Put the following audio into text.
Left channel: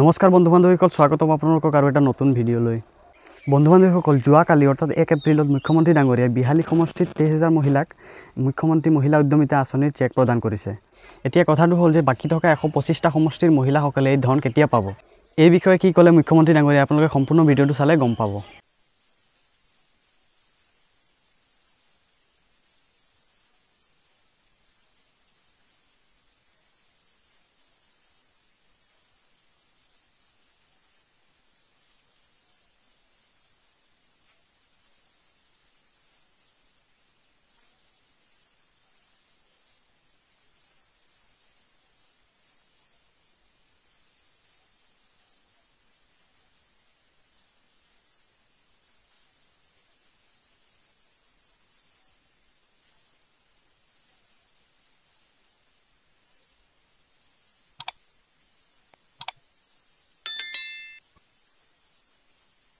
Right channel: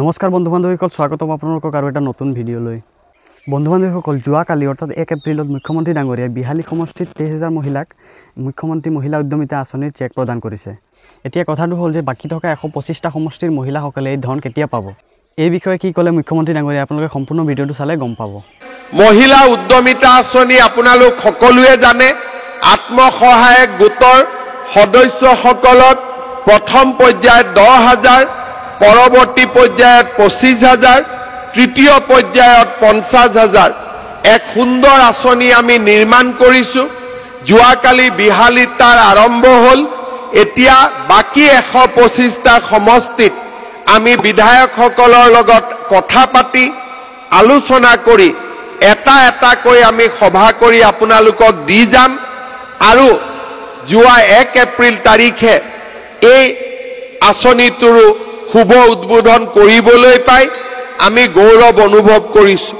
নমস্কাৰ বন্ধু বান্ধৱীসকল, স্বাগতম আপোনালোকক আৰু এটা নতুন ভিডিঅ'লৈ। বন্ধু বান্ধৱীসকল, যোৱাকালি অৰ্থাৎ 1 এপ্ৰিলত মুখ্যমন্ত্ৰী ডাঙৰীয়াই বিহালী সমষ্টিত 23,000 মহিলাক মুখ্যমন্ত্ৰী মহিলা উদ্যমিতা আঁচনিৰ চেক প্ৰদান কৰিছে। এতিয়া কথাটো হ'ল যে বাকী থকা 125টা সমষ্টিৰ মহিলাসকলে এই ধন কেতিয়া পাব, এই বিষয়ে কি ক'লে মুখ্যমন্ত্ৰী ডাঙৰীয়াই আপোনালোকে সম্পূৰ্ণ ভিডিঅ'টো চালে গম পাব। মহিলা উদ্যমিতা আঁচনি আপোনালোক সকলোৱে জানে, আত্মসহায়ক গোটৰ সদস্যসকলক প্ৰথম পৰ্যায়ত 10,000, পৰৱৰ্তী পৰ্যায়ত 25,000, তৃতীয় পৰ্যায়ত 50,000 এক সুন্দৰ আঁচনি আমি নিৰ্মাণ কৰিছো। যোৱাকালি বিহালীত তাৰ আৰম্ভ হ'ল। এতিয়া বাকী 125টা সমষ্টিত আমি বিধায়কসকলৰ লগত কথা পাতি আলোচনা কৰি এটা এটাকৈ আমি সভা কৰি আপোনালোকক দি যাম আৰু যোৱা 1 এপ্ৰিল তাৰিখে এই আঁচনিটোৰো শুভ উদ্বোধন কৰিবলৈ পাই আমি গৌৰৱ অনুভৱ কৰিছো।